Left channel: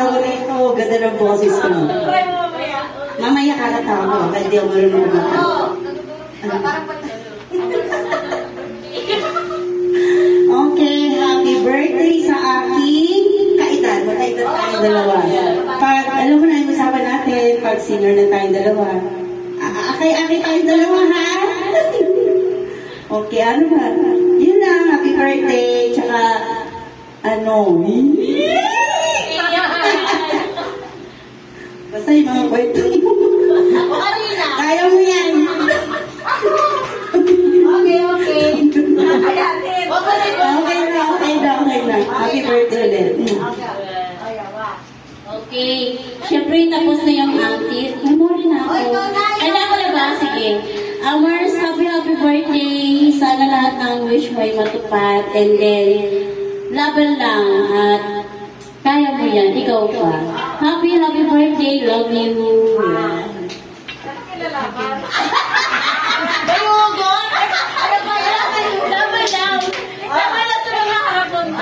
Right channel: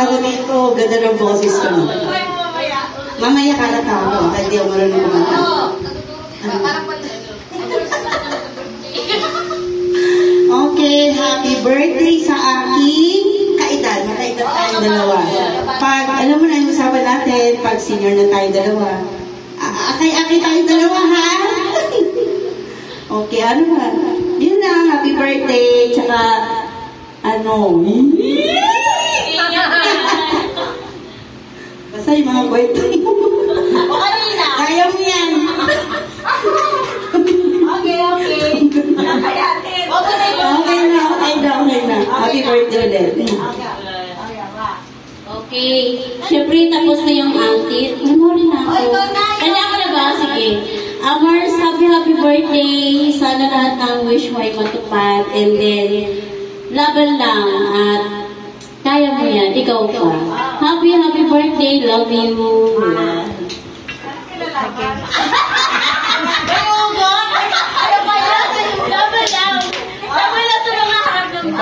tawag dito. Ganda ng boses ko. Mamaya kakatawa ko. Kaya di ako marunong kumatawa. Okay, happy birthday sa aking kaedad. Magkaedad tayong dalawa. Pag, alam mo na yung usapan natin, pag senior na tayong dalawa. Akay-akay tayong dalawa, ha? Okay, ano ba? Yun lang, happy birthday. Tsaka, ano? Basta yung mga kwento mo. Kaya mo yan. Okay na. Happy birthday ulit. Okay. Siyempre, tapos na yung auntie. Memory na ako. Kanya ko na ba? Sige. Amars, happy birthday. Sana lahat ng wish mo ay matupad. And then, laban lang. At kaya mo yan. Ikaw pa. Happy birthday. Love you.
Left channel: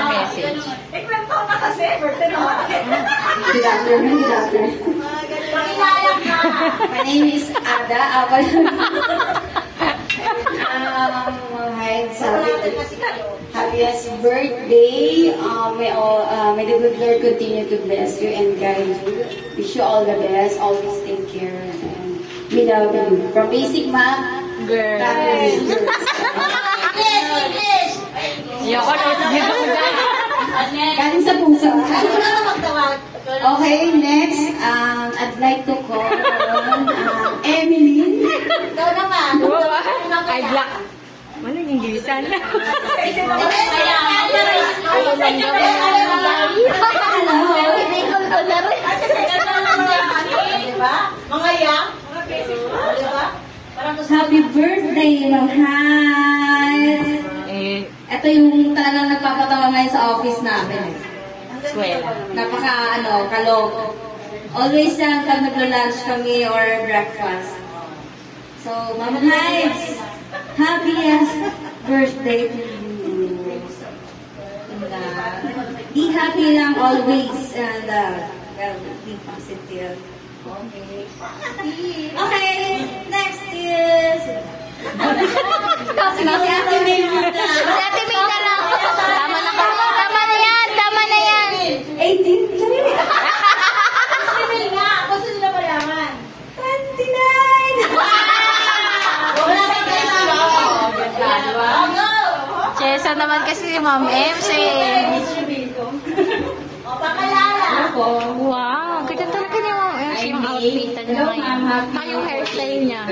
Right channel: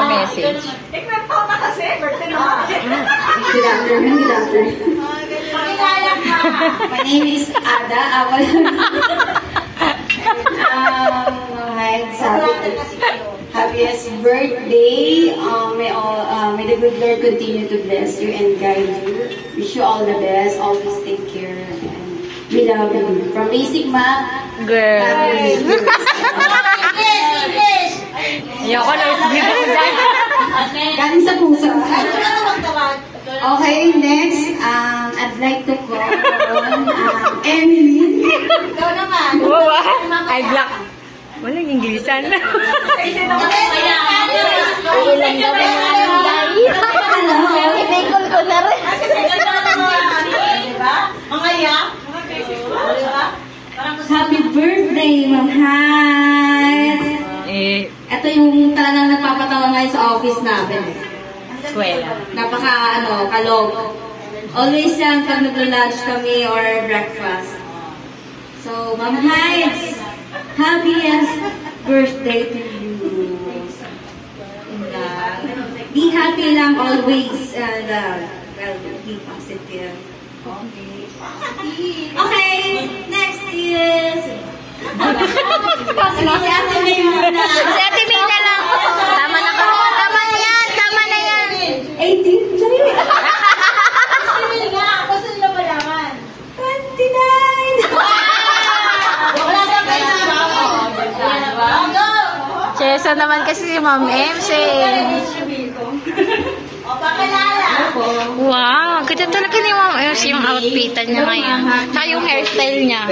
Message. Good afternoon. My name is Ada. Happiest birthday. May the good Lord continue to bless you and guide you. Wish you all the best. Always take care. And we love you. From Basic Math. Girl. Ayoko na dito ko dyan. Galing sa puso. Okay, next, I'd like to call Emily. Wow, ay black. Walang Inglesan. Pinigol ko na rin. Happy birthday, Ma'am Hyde. Ito yung talagang nagpapatawa ngayon sa office namin. Eskwela. Kalog. Always yan pag nagla-lunch kami or breakfast. So, Ma'am Hyde, happiest birthday to you. And, be happy lang always and be positive. Okay, next is... Si Ate May na lang. Tama na yan. 18? Sorry. 29. Sesa naman kasi si Ma'am MC. Wow, ganda talaga ni Ma'am MC yung outfitan niya ngayon. Saka yung hairstyle niya.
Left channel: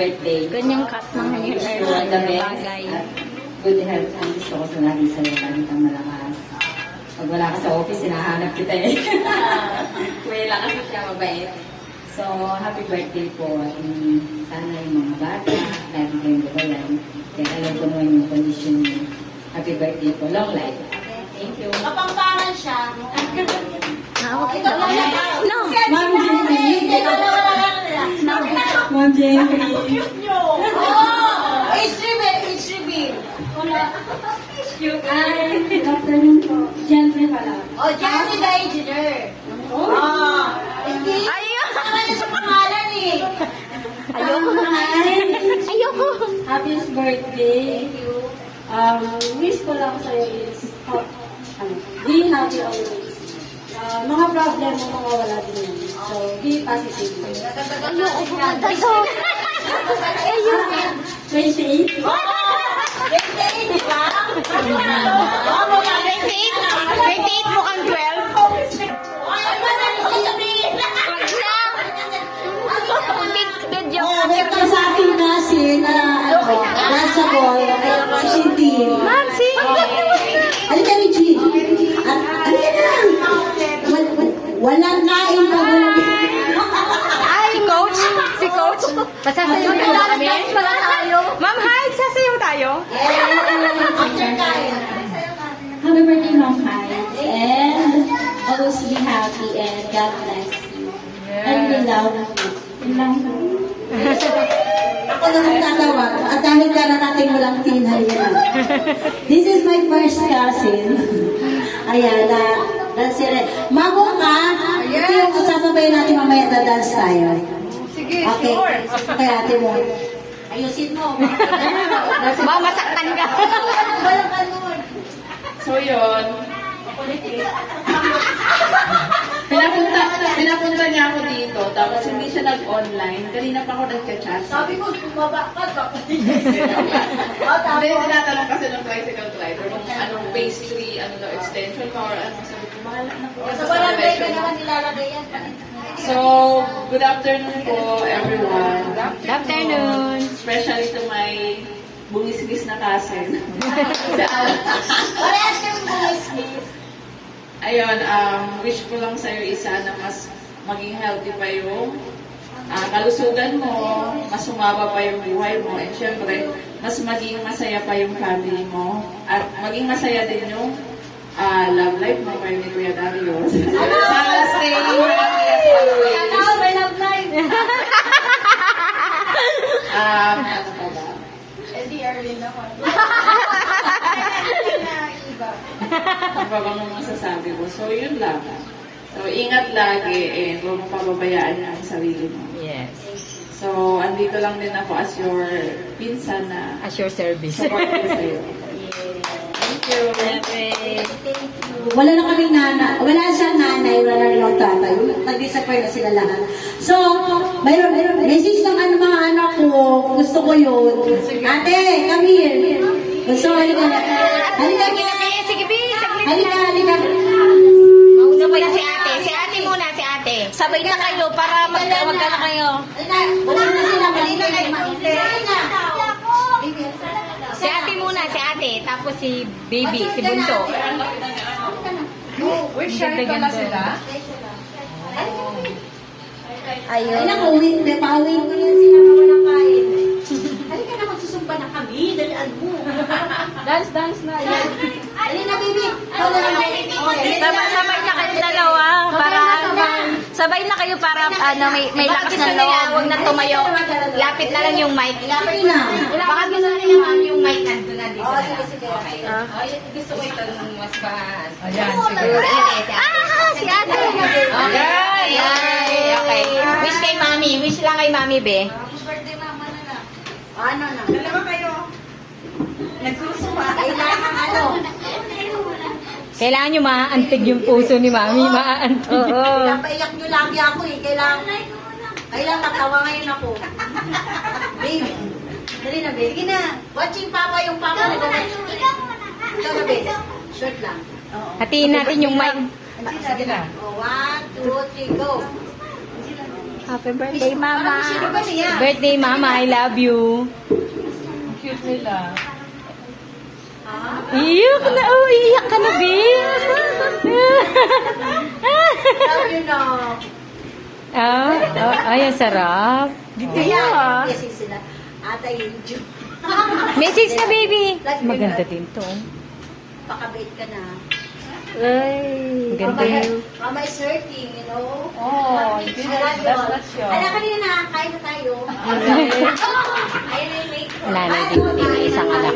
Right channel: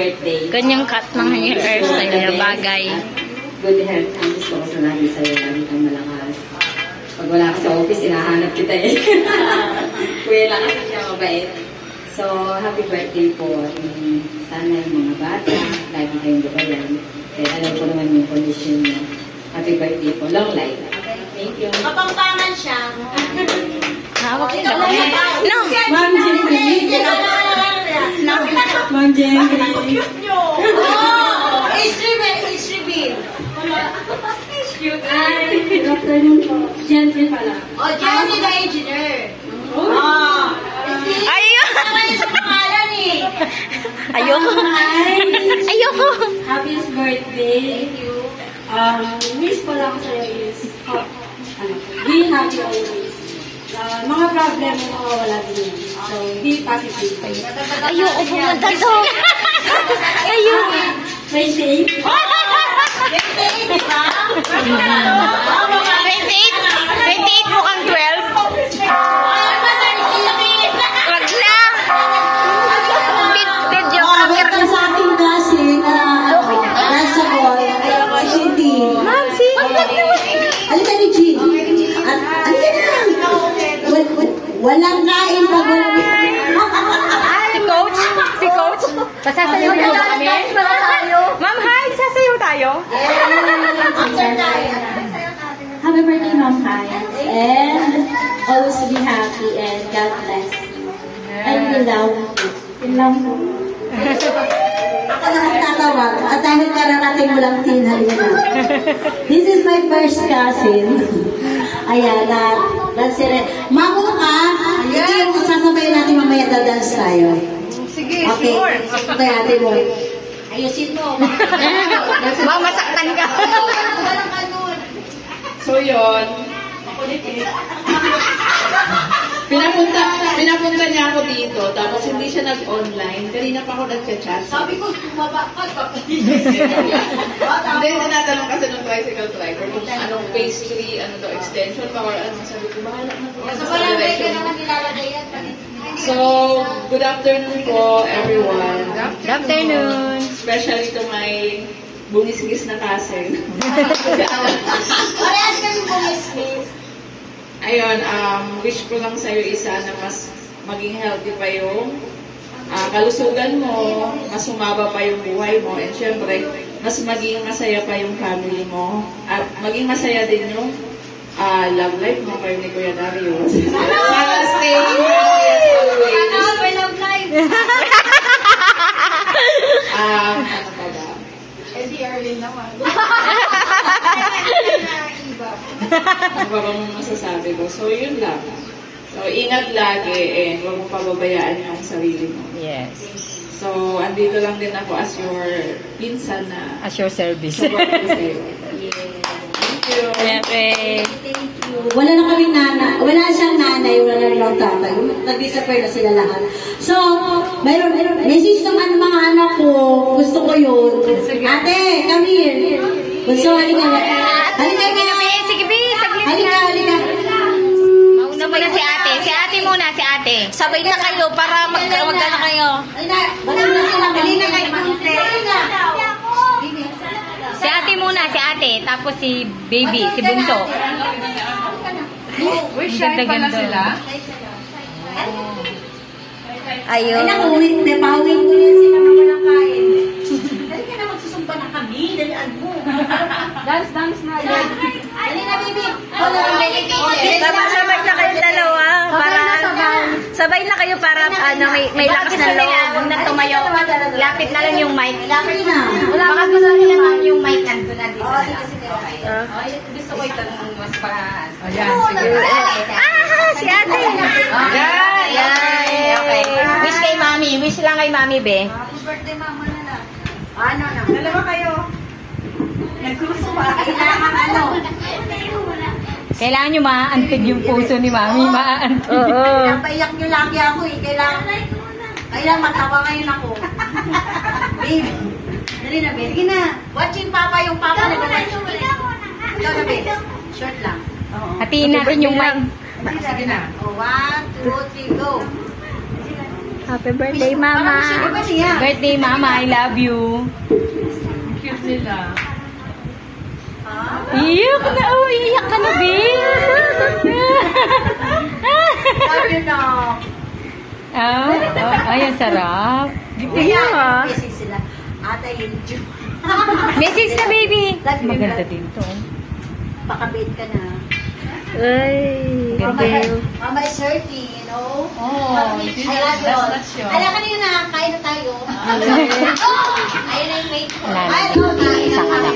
Ganyang cut ng hairstyle niya. Bagay. Good health ang gusto ko sa lagi sa'yo. Lagi kang malakas. Pag wala ka sa office, hinahanap kita eh. Kuya lang kasi siya mabait. So, happy birthday po. Sana yung mga bata, lagi kayong gabayan. Kaya alam ko naman yung condition niya. Happy birthday po. Long life. Thank you. Kapangpangan siya. Hawak yun ako. No! Ma'am Jenny. No! Ma'am Jenny. Ay, Dr. Jensen pala. Jensen na engineer. Ayun! Ayoko. Ayoko! Happiest birthday. Wish ko lang sa'yo is, be happy always. Mga problem mo, mawawala din. So, be positive. Ayoko pumunta doon. Ayoko. Stay safe. 28 mukhang 12. Wag na. Medyo Wait ka sa akin kasi na nasa buwan. Si Cindy. Ma'am, si Halika ni Jean. Halika na. Walang nain pag walang... Si Coach. Pasasayaw na kami. Ma'am, hi. Sasayaw tayo. Happy birthday, Mom Hines. And always be happy and God bless you. And we love you. We love you. Ako na magtatawa. At dahil kararating mo lang tinhalina. This is my first cousin. Ayan, that's it. Mago ka. Ito yung sasabayin natin mamaya dadance tayo. Sige, Okay, sure. sasabay ate mo. Ayusin mo. Mamasaktan ka. Walang kanon. So yun, pinapunta niya ako dito, tapos hindi siya nag-online. Kanina pa ako nag-chat. Sabi ko, bumaba ka. Hindi, tinatanong kasi ng tricycle driver kung anong pastry, ano daw, extension pa, or ano. Sabi ko, bahala na po. Sa barangay ka na lang nilalagay yan. So, good afternoon po, everyone. Good afternoon. Especially to my bungisgis na cousin. Parehas kami bumismis. Ayun, wish ko lang sa'yo isa na mas maging healthy pa yung kalusugan mo, mas sumaba pa yung buhay mo, and syempre, mas maging masaya pa yung family mo, at maging masaya din yung love life mo kayo ni Kuya Darius. Sana stay healthy as always. Ano, may love life. Ano pa ba? Hindi, Erwin naman. Ang babang nung masasabi ko. So, yun lang. So, ingat lagi, and huwag mong pababayaan yung sarili mo. Yes. So, andito lang din ako as your pinsan na As your service. support ko sa'yo. Thank you. Wala na kaming nana. Wala siyang nanay, wala na rin ang tatay. Nag-disappear na sila lahat. So, mayroon, message ng mga anak ko. Gusto ko yun. Ate, come here. Gusto, halika. Halika, Sige, B. Saglit halika, na. halika. Mauna ba si ate? Si ate muna, si ate. Sabay na kayo para magkano kayo. Halika, bukod na sila. Halika kayo, maunti. Si ate muna, si ate. Tapos si baby, si Bunso. Uy, shy pala sila. Ay, Ayun. naku, pauwi ko yan sila ng walang kain. Halika na, magsusumba na kami. Dalian mo. Dance na. Halika, baby. Wala na, baby. Sabay na kayong dalawa. Para, sabay na kayo para may lakas ng loob. Huwag na tumayo. Lapit na lang yung mic. Lapit na. Baka gusto niyo yung mic nandun na dito. Oh, sige, sige. Gusto ko ito nung mas pa. Ayan, sige. Si ate. Ayan. Yay. Wish kay mami. Wish lang kay mami, be. Happy birthday, mama na na. Ano na? Dalawa kayo. Nagsusuba. Kailangan ano? Kailangan nyo maaantig yung puso ni mami. Maaantig. Oo. Napaiyak nyo lagi ako eh. Kailangan magtawa ngayon ako. Baby. Dali na, baby. Sige na. Watching papa yung papa na gano'n. Ikaw na, baby. Short lang. Hatiin natin yung mic. Sige na. Oh, 1, 2, 3, go. Happy birthday, mama. Parang sino ba siya? Birthday, mama. I love you. Cute nila. Iyak na. Oh, iyak ka na, babe. Love you, no. Ay, ang sarap. Iyak ah. Message sila. Ata yun, Message na, baby. Maganda din to. Pakabait ka na. Ay, thank you. Mama is hurting, you know? Oh, That's not sure. Kaya kanina, kain na tayo. Ayun na yung mate ko. Wala na Ay, din. okay. Isang anak.